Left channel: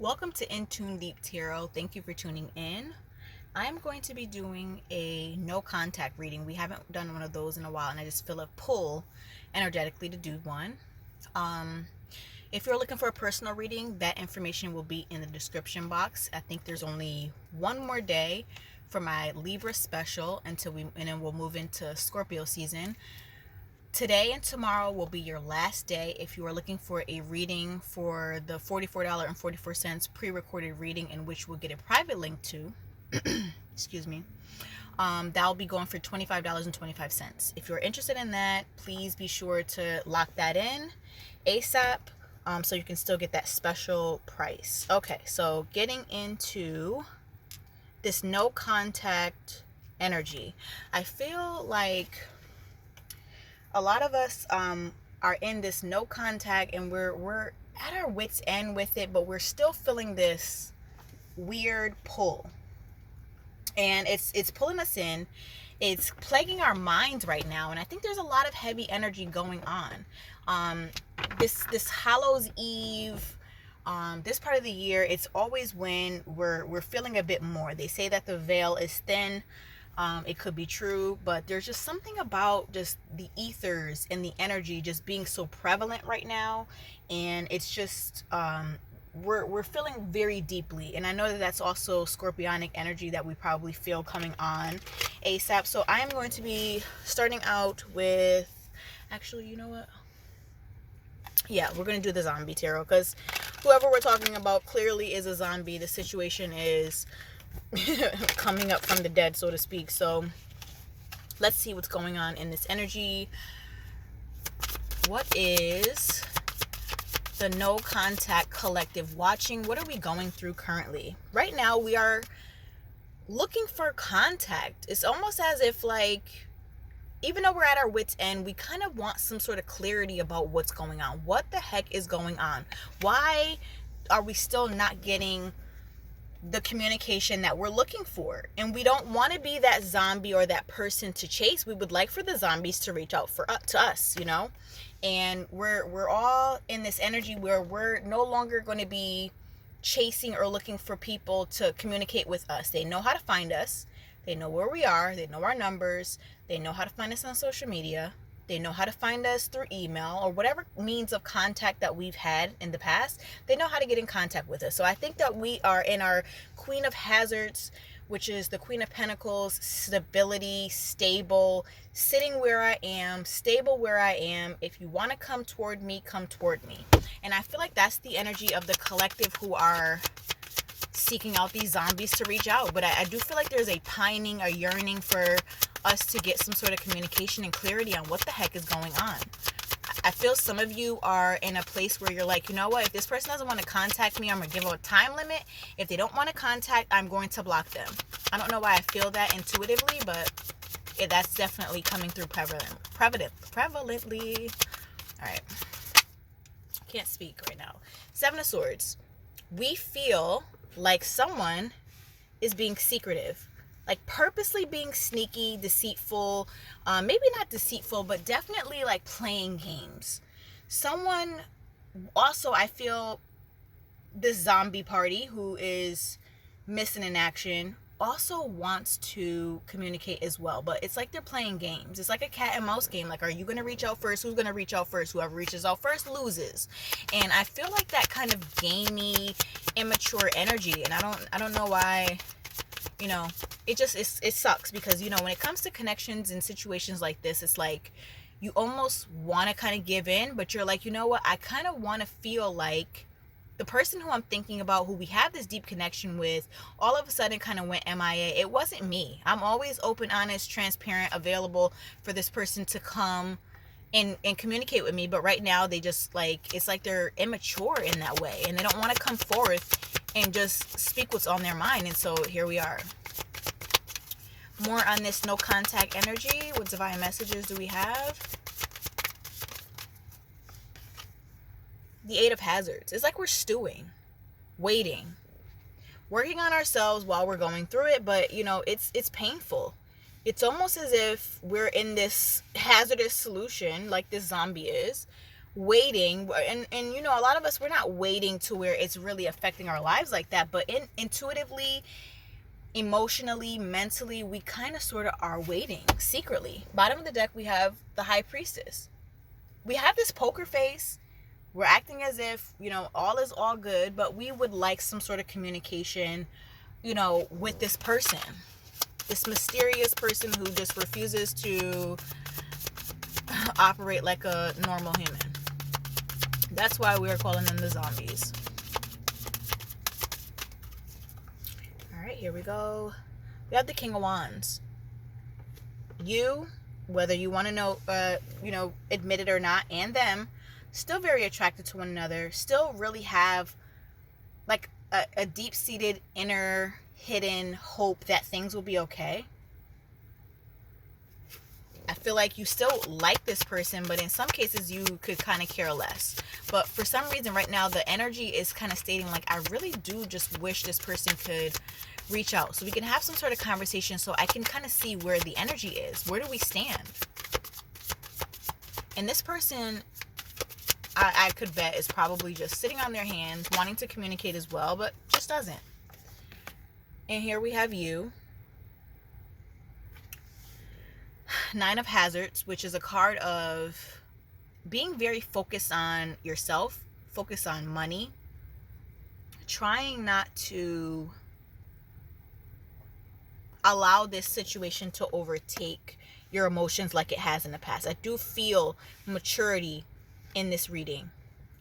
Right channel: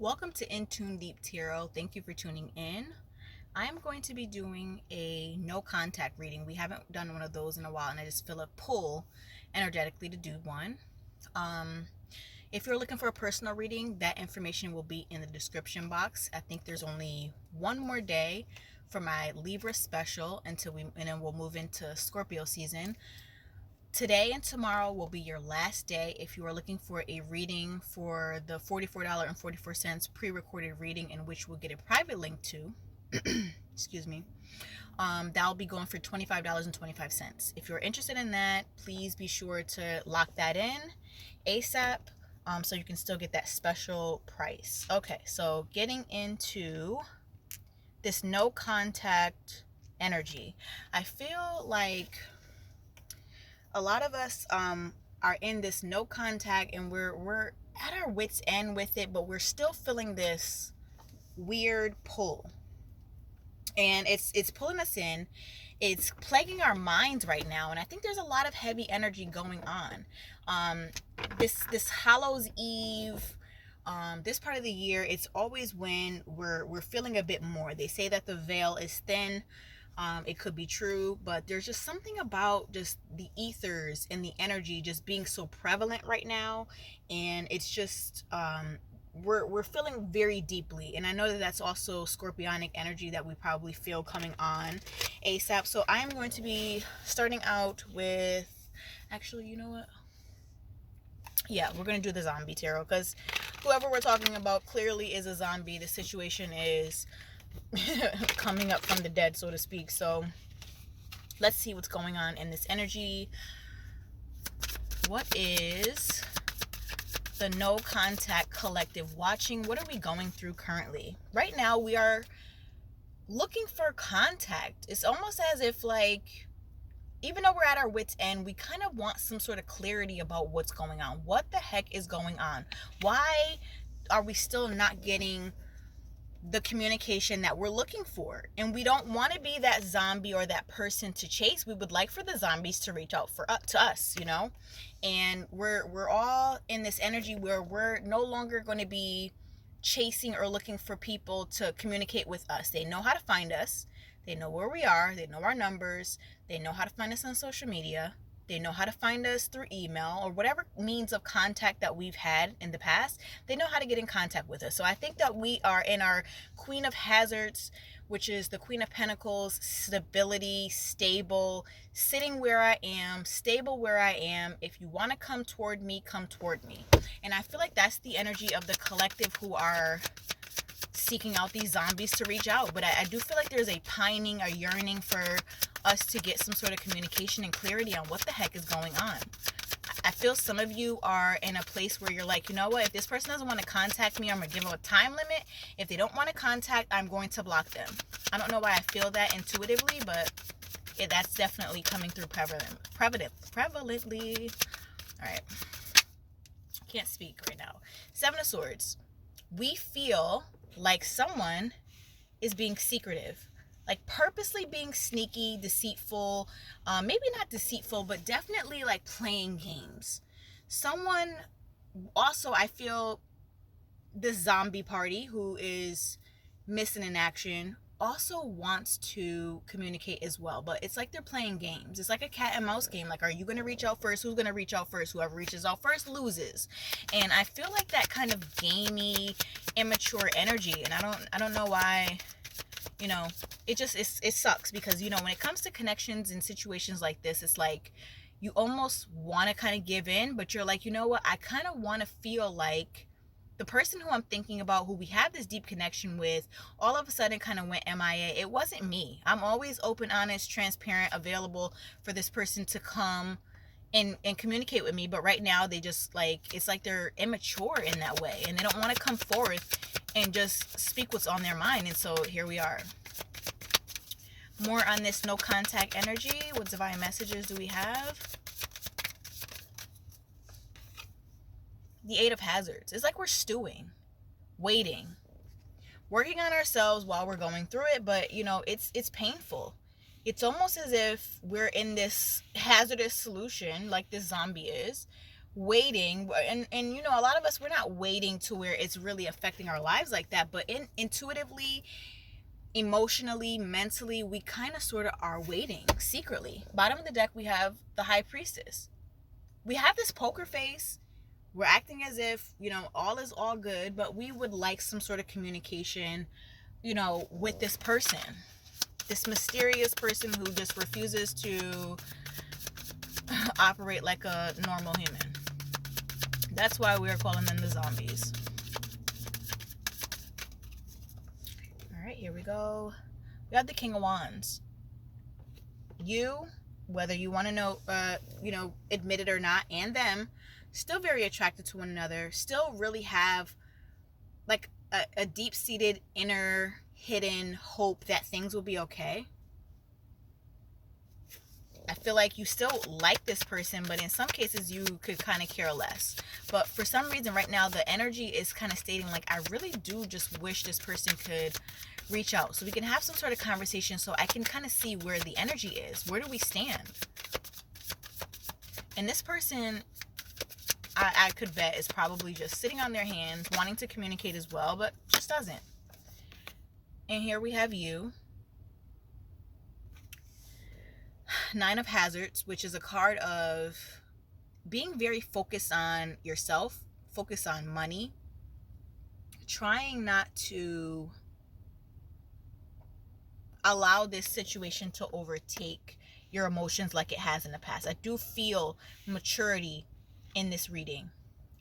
Welcome to InTuneDeep Tarot. Thank you for tuning in. I'm going to be doing a no contact reading. We haven't done one of those in a while, and I just feel a pull energetically to do one. If you're looking for a personal reading, that information will be in the description box. I think there's only one more day for my Libra special and then we'll move into Scorpio season. Today and tomorrow will be your last day if you are looking for a reading for the $44.44 pre-recorded reading, in which we'll get a private link to. Excuse me. That'll be going for $25.25. If you're interested in that, please be sure to lock that in ASAP, so you can still get that special price. Okay, so getting into this no contact energy, I feel like a lot of us are in this no contact, and we're at our wits end with it, but we're still feeling this weird pull, and it's pulling us in. It's plaguing our minds right now, and I think there's a lot of heavy energy going on. This Hallows Eve, this part of the year, it's always when we're feeling a bit more. They say that the veil is thin. It could be true, but there's just something about just the ethers and the energy just being so prevalent right now, and it's just we're feeling very deeply. And I know that that's also scorpionic energy that we probably feel coming on ASAP. So I am going to be starting out with, actually, you know what? Yeah, we're going to do the zombie tarot, because whoever we're talking about clearly is a zombie. The situation is coming up from the dead, so to speak. So let's see what's going on in this energy. What is the no contact collective watching? What are we going through currently? Right now we are looking for contact. It's almost as if, like, even though we're at our wits end, we kind of want some sort of clarity about what's going on. What the heck is going on? Why are we still not getting the communication that we're looking for? And we don't want to be that zombie or that person to chase. We would like for the zombies to reach out to us, and we're all in this energy where we're no longer going to be chasing or looking for people to communicate with us. They know how to find us. They know where we are. They know our numbers. They know how to find us on social media. They know how to find us through email or whatever means of contact that we've had in the past. They know how to get in contact with us. So I think that we are in our Queen of Hazards, which is the Queen of Pentacles, stability, stable, sitting where I am, stable where I am. If you want to come toward me, come toward me. And I feel like that's the energy of the collective who are seeking out these zombies to reach out. But I do feel like there's a pining, a yearning for us to get some sort of communication and clarity on what the heck is going on. I feel some of you are in a place where you're like, you know what, if this person doesn't want to contact me, I'm going to give them a time limit. If they don't want to contact, I'm going to block them. I don't know why I feel that intuitively, but that's definitely coming through prevalently. All right. Can't speak right now. Seven of Swords. We feel like someone is being secretive, like purposely being sneaky, deceitful, maybe not deceitful, but definitely like playing games. Someone also, I feel, this zombie party who is missing in action also wants to communicate as well, but it's like they're playing games. It's like a cat and mouse game. Like, are you going to reach out first? Who's going to reach out first? Whoever reaches out first loses. And I feel like that kind of gamey, immature energy, and I don't know why. It sucks, because when it comes to connections and situations like this, it's like you almost want to kind of give in, but you're like, you know what, I kind of want to feel like the person who I'm thinking about, who we have this deep connection with, all of a sudden kind of went MIA. It wasn't me. I'm always open, honest, transparent, available for this person to come and communicate with me. But right now they just, like, it's like they're immature in that way, and they don't want to come forth and just speak what's on their mind. And so here we are. More on this no contact energy. What divine messages do we have? The Eight of Hazards. It's like we're stewing, waiting, working on ourselves while we're going through it, but it's painful. It's almost as if we're in this hazardous solution, like this zombie is, waiting, and you know, a lot of us, we're not waiting to where it's really affecting our lives like that, but intuitively, emotionally, mentally, we kind of sort of are waiting secretly. Bottom of the deck, we have the High Priestess. We have this poker face. We're acting as if, you know, all is all good, but we would like some sort of communication, you know, with this person, this mysterious person who just refuses to operate like a normal human. That's why we're calling them the zombies. All right, here we go. We have the King of Wands. You, whether you want to know, admit it or not, and them, still very attracted to one another, still really have like a deep-seated inner hidden hope that things will be okay. I feel like you still like this person, but in some cases you could kind of care less. But for some reason right now, the energy is kind of stating like, I really do just wish this person could reach out so we can have some sort of conversation, so I can kind of see where the energy is. Where do we stand? And this person, I could bet, is probably just sitting on their hands, wanting to communicate as well, but just doesn't. And here we have you. Nine of Hazards, which is a card of being very focused on yourself, focused on money, trying not to allow this situation to overtake your emotions like it has in the past. I do feel maturity in this reading.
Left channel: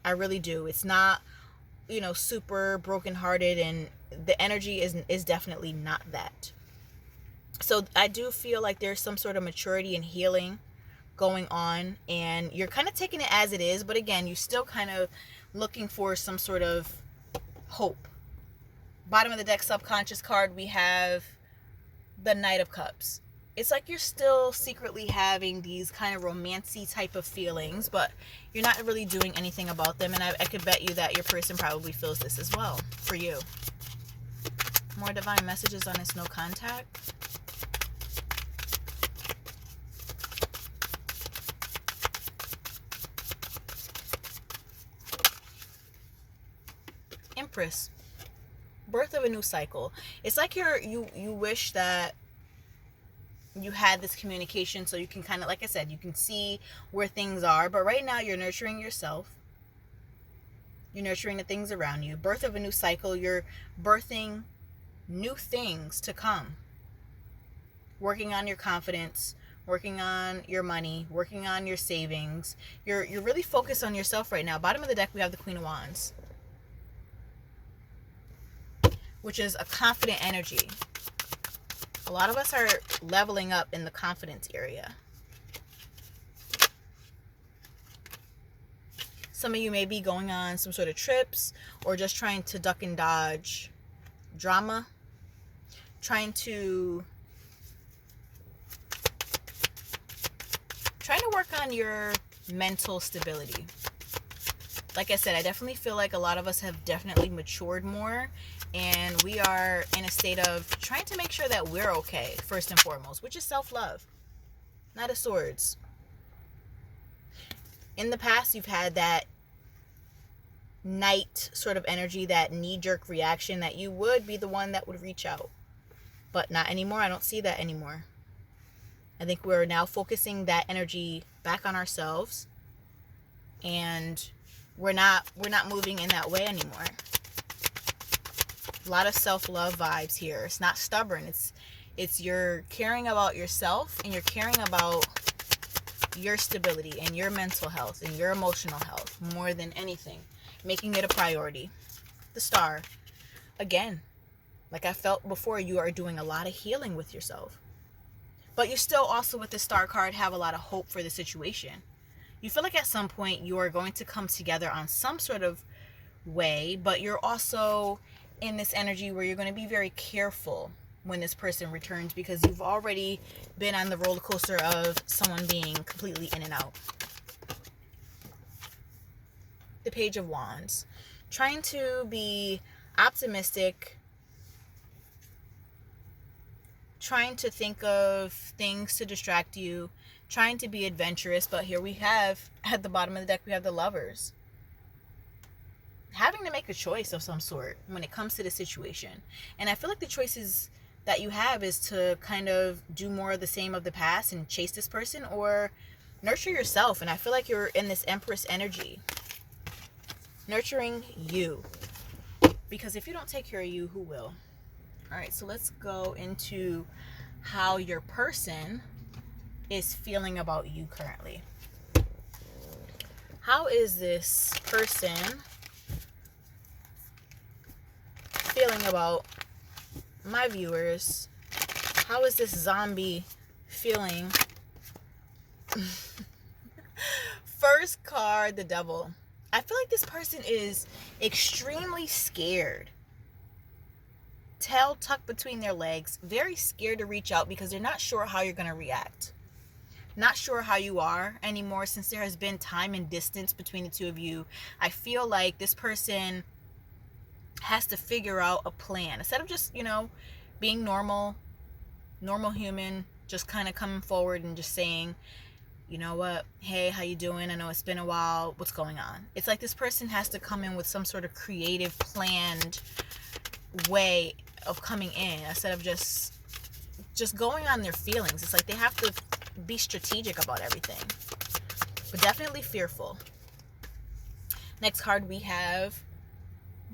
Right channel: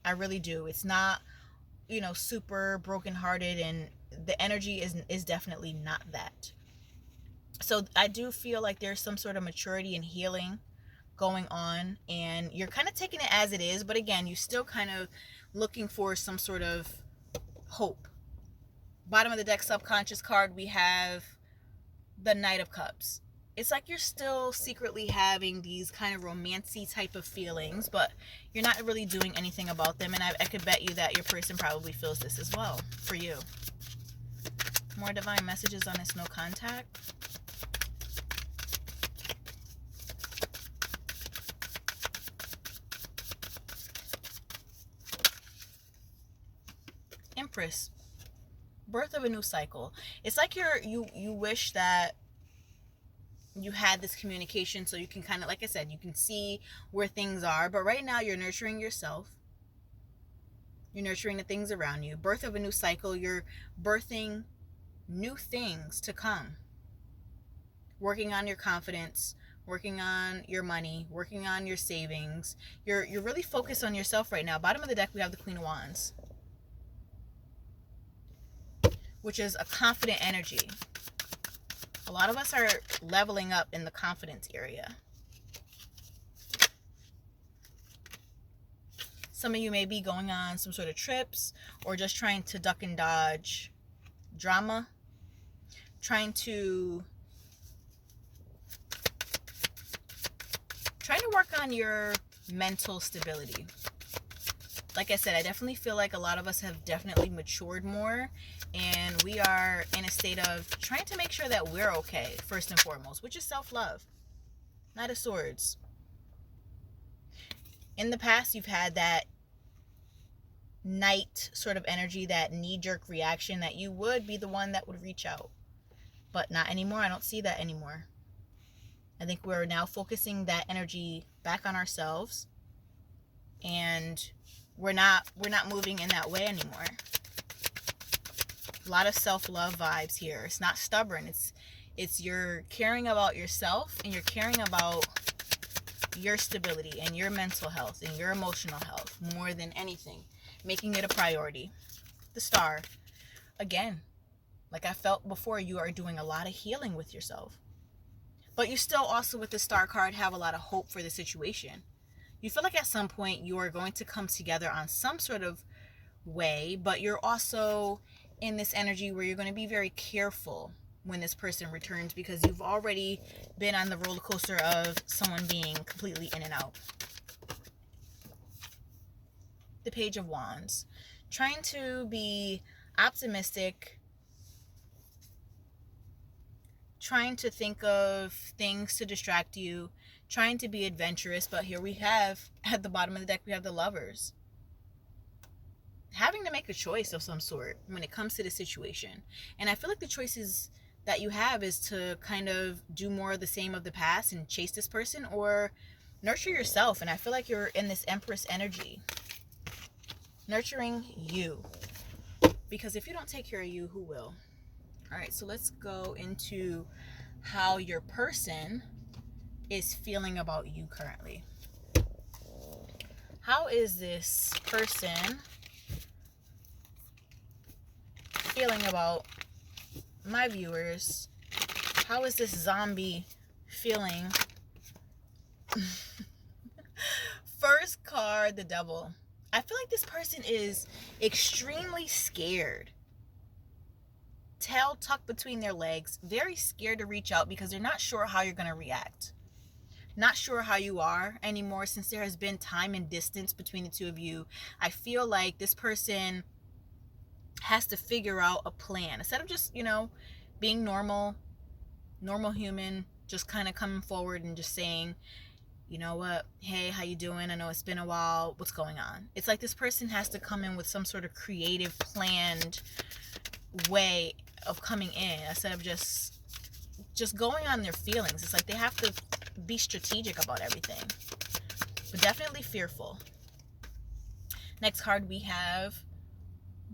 I really do. It's not, you know, super brokenhearted, and the energy is definitely not that. So I do feel like there's some sort of maturity and healing going on, and you're kind of taking it as it is, but again, you're still kind of looking for some sort of hope. Bottom of the deck, subconscious card, we have the Knight of Cups. It's like you're still secretly having these kind of romancy type of feelings, but you're not really doing anything about them, and I could bet you that your person probably feels this as well for you. More divine messages on this no contact. Empress. Birth of a new cycle. It's like you wish that you had this communication so you can kind of, like I said, you can see where things are, but right now you're nurturing yourself. You're nurturing the things around you. Birth of a new cycle. You're birthing new things to come. Working on your confidence, working on your money, working on your savings. You're really focused on yourself right now. Bottom of the deck, we have the Queen of Wands, which is a confident energy. A lot of us are leveling up in the confidence area. Some of you may be going on some sort of trips, or just trying to duck and dodge drama, trying to work on your mental stability. Like I said, I definitely feel like a lot of us have definitely matured more, and we are in a state of trying to make sure that we're okay, first and foremost, which is self-love. Knight of Swords. In the past, you've had that knight sort of energy, that knee-jerk reaction, that you would be the one that would reach out. But not anymore. I don't see that anymore. I think we're now focusing that energy back on ourselves, and we're not moving in that way anymore. A lot of self-love vibes here. It's not stubborn. It's you're caring about yourself, and you're caring about your stability and your mental health and your emotional health more than anything, making it a priority. The Star. Again, like I felt before, you are doing a lot of healing with yourself. But you still also, with the Star card, have a lot of hope for the situation. You feel like at some point you are going to come together on some sort of way, but you're also in this energy where you're going to be very careful when this person returns, because you've already been on the roller coaster of someone being completely in and out. The Page of Wands. Trying to be optimistic, trying to think of things to distract you, trying to be adventurous, but here we have, at the bottom of the deck, we have the Lovers. Having to make a choice of some sort when it comes to the situation. And I feel like the choices that you have is to kind of do more of the same of the past and chase this person, or nurture yourself. And I feel like you're in this Empress energy. Nurturing you. Because if you don't take care of you, who will? All right, so let's go into how your person is feeling about you currently. How is this person feeling about my viewers? How is this zombie feeling? First card, the Devil. I feel like this person is extremely scared. Tail tucked between their legs. Very scared to reach out because they're not sure how you're going to react. Not sure how you are anymore since there has been time and distance between the two of you. I feel like this person has to figure out a plan. Instead of just, being normal human, just kind of coming forward and just saying, you know what, hey, how you doing? I know it's been a while. What's going on? It's like this person has to come in with some sort of creative, planned way of coming in instead of just going on their feelings. It's like they have to be strategic about everything, but definitely fearful. Next card, we have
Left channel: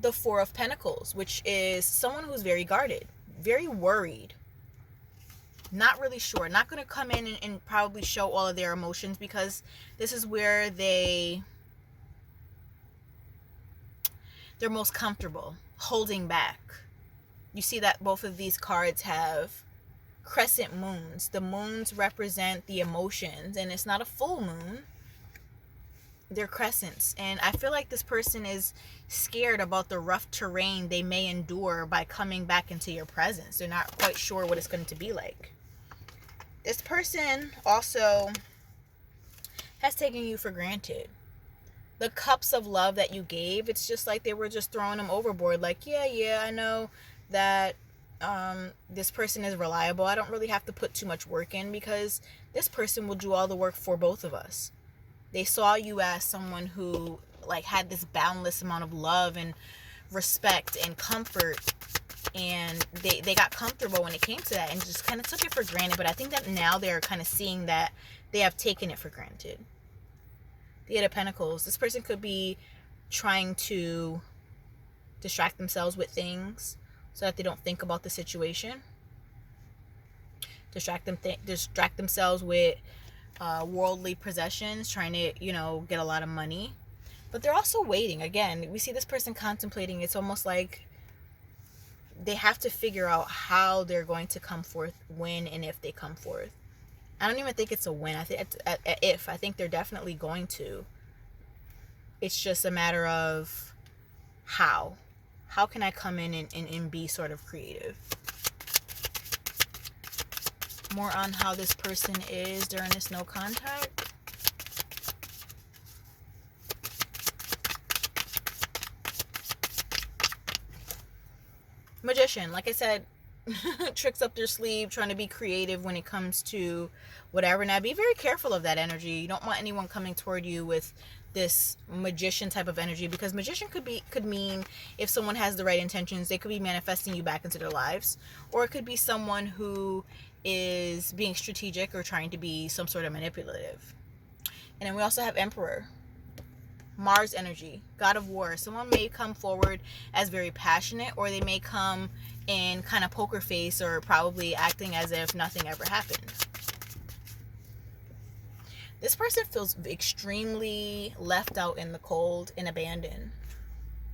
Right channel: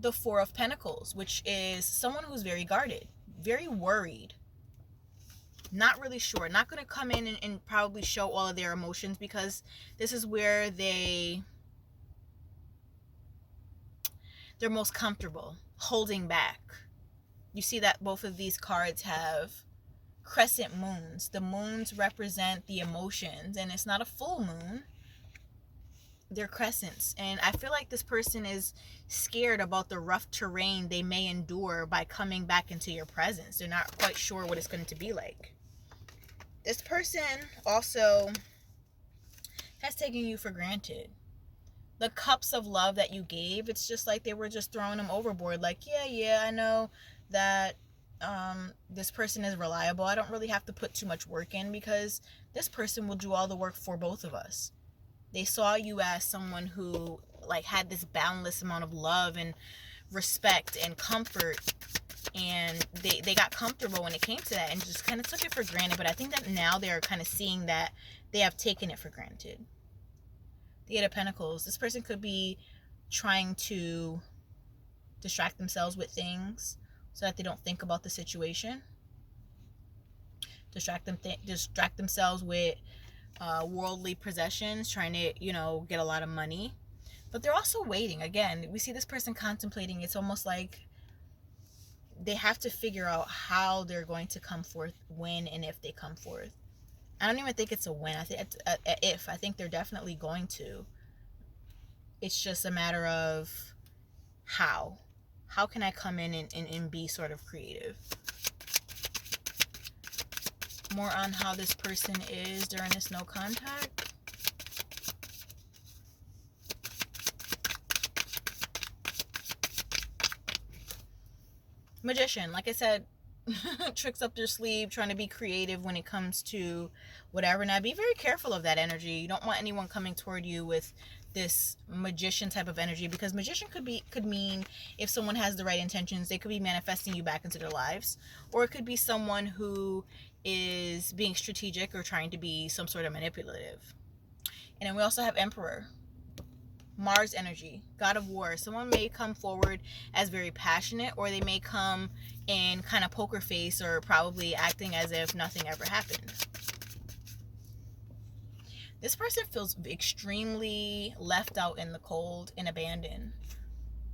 the Four of Pentacles, which is someone who's very guarded, very worried, not really sure, not going to come in and probably show all of their emotions, because this is where they're most comfortable, holding back. You see that both of these cards have crescent moons. The moons represent the emotions, and it's not a full moon. They're crescents. And I feel like this person is scared about the rough terrain they may endure by coming back into your presence. They're not quite sure what it's going to be like. This person also has taken you for granted. The cups of love that you gave, it's just like they were just throwing them overboard. Like, yeah, I know that this person is reliable. I don't really have to put too much work in because this person will do all the work for both of us. They saw you as someone who had this boundless amount of love and respect and comfort, and they got comfortable when it came to that and just kind of took it for granted. But I think that now they're kind of seeing that they have taken it for granted. The Eight of Pentacles. This person could be trying to distract themselves with things so that they don't think about the situation. Distract themselves with worldly possessions, trying to, get a lot of money. But they're also waiting. Again, we see this person contemplating. It's almost like they have to figure out how they're going to come forth, when and if they come forth. I don't even think it's a win. I think it's if. I think they're definitely going to. It's just a matter of how. How can I come in and be sort of creative? More on how this person is during this no contact. Magician, like I said, tricks up their sleeve, trying to be creative when it comes to whatever. Now, be very careful of that energy. You don't want anyone coming toward you with this magician type of energy, because magician could mean, if someone has the right intentions, they could be manifesting you back into their lives, or it could be someone who is being strategic or trying to be some sort of manipulative. And then we also have Emperor, Mars energy, God of War. Someone may come forward as very passionate, or they may come in kind of poker face, or probably acting as if nothing ever happened. This person feels extremely left out in the cold and abandoned.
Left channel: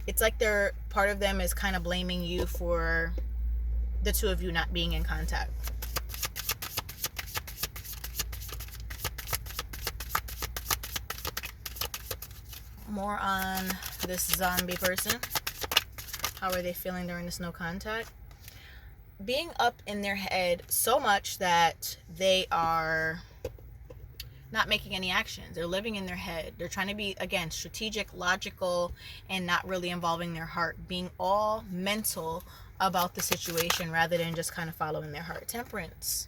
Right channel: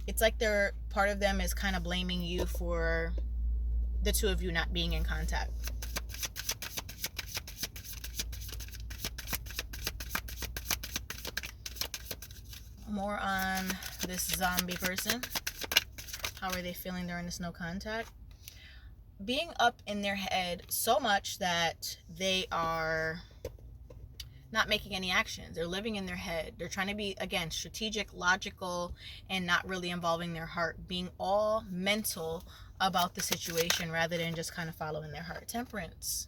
It's like part of them is kind of blaming you for the two of you not being in contact. More on this zombie person. How are they feeling during this no contact? Being up in their head so much that they are not making any actions. They're living in their head. They're trying to be, again, strategic, logical, and not really involving their heart. Being all mental about the situation rather than just kind of following their heart. Temperance.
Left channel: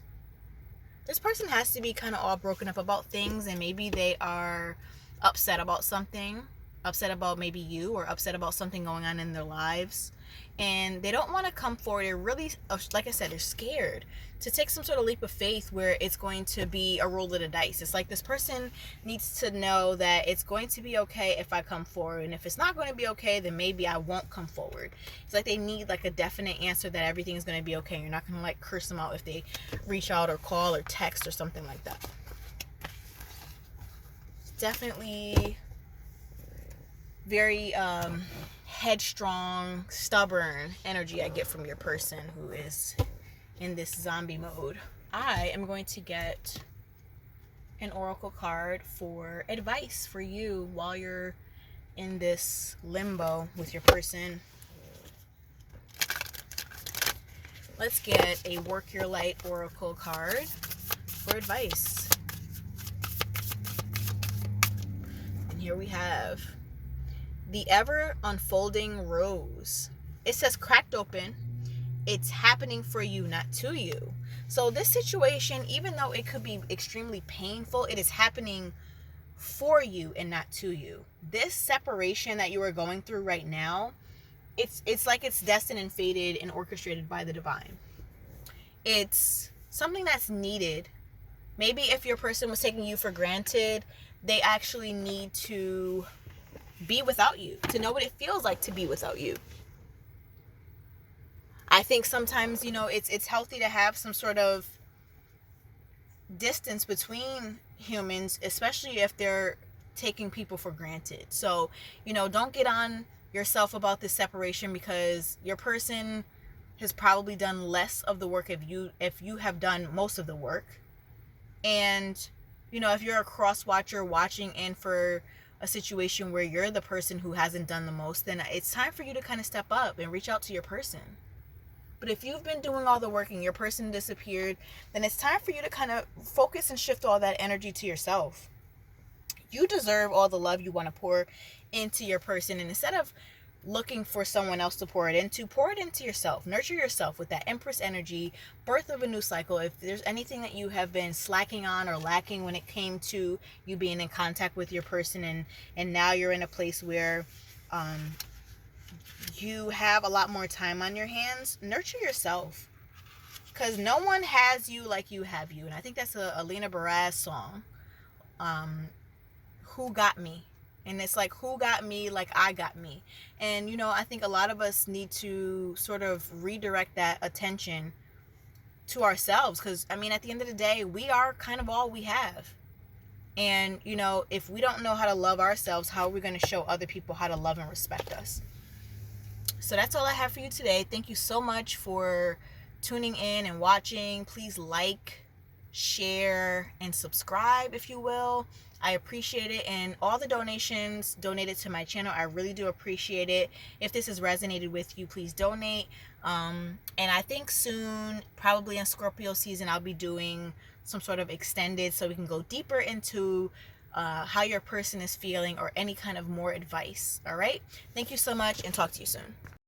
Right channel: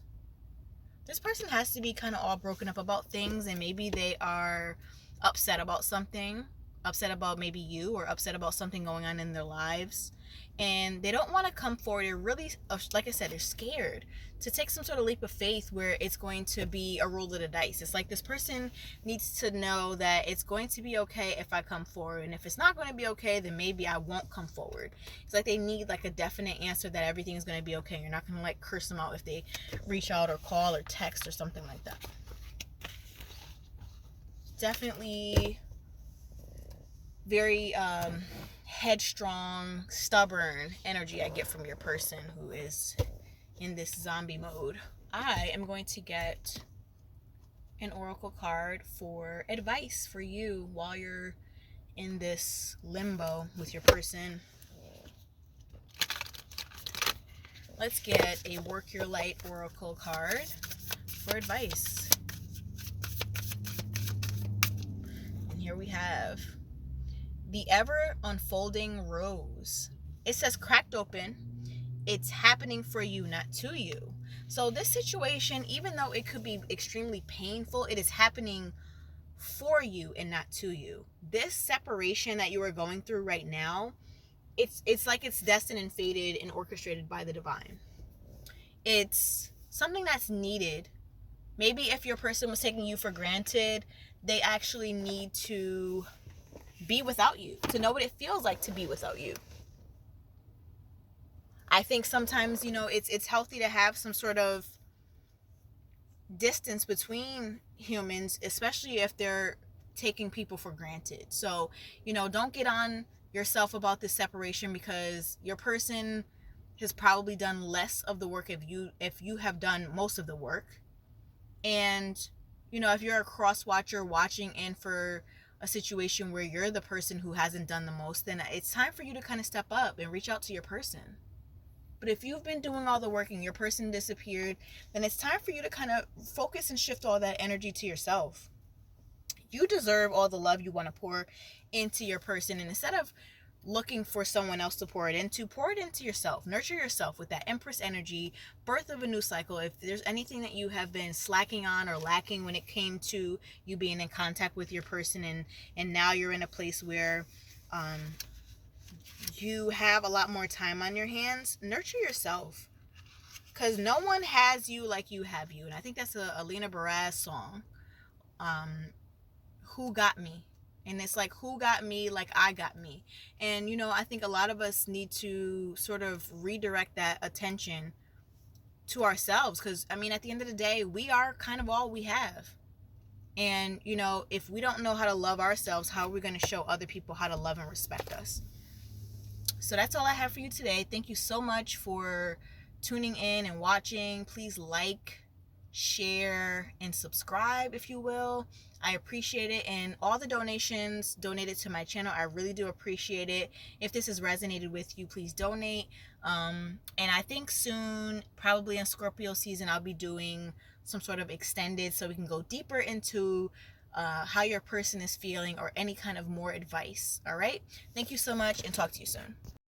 this person has to be kind of all broken up about things, and maybe they are upset about something, upset about maybe you, or upset about something going on in their lives, and they don't want to come forward. They're really, like I said, they're scared to take some sort of leap of faith where it's going to be a roll of the dice. It's like this person needs to know that it's going to be okay if I come forward, and if it's not going to be okay, then maybe I won't come forward. It's like they need like a definite answer that everything is going to be okay. You're not going to like curse them out if they reach out or call or text or something like that. Definitely very headstrong, stubborn energy I get from your person who is in this zombie mode. I am going to get an oracle card for advice for you while you're in this limbo with your person. Let's get a Work Your Light oracle card for advice. And here we have the ever unfolding rose. It says cracked open. It's happening for you, not to you. So this situation, even though it could be extremely painful, it is happening for you and not to you. This separation that you are going through right now, it's like it's destined and fated and orchestrated by the divine. It's something that's needed. Maybe if your person was taking you for granted, they actually need to be without you, to know what it feels like to be without you. I think sometimes, it's healthy to have some sort of distance between humans, especially if they're taking people for granted. So, don't get on yourself about this separation, because your person has probably done less of the work if you have done most of the work. And, if you're a cross watcher watching in for a situation where you're the person who hasn't done the most, then it's time for you to kind of step up and reach out to your person. But if you've been doing all the work and your person disappeared, then it's time for you to kind of focus and shift all that energy to yourself. You deserve all the love you want to pour into your person. And instead of looking for someone else to pour it into yourself. Nurture yourself with that Empress energy, birth of a new cycle. If there's anything that you have been slacking on or lacking when it came to you being in contact with your person, and now you're in a place where you have a lot more time on your hands, nurture yourself, because no one has you like you have you. And I think that's a Lena Baraz song, Who Got Me? And it's like, who got me like I got me? And, I think a lot of us need to sort of redirect that attention to ourselves. Because, at the end of the day, we are kind of all we have. And, if we don't know how to love ourselves, how are we going to show other people how to love and respect us? So that's all I have for you today. Thank you so much for tuning in and watching. Please like, share, and subscribe if you will. I appreciate it. And all the donations donated to my channel, I really do appreciate it. If this has resonated with you, please donate. And I think soon, probably in Scorpio season, I'll be doing some sort of extended so we can go deeper into how your person is feeling or any kind of more advice. All right. Thank you so much, and talk to you soon.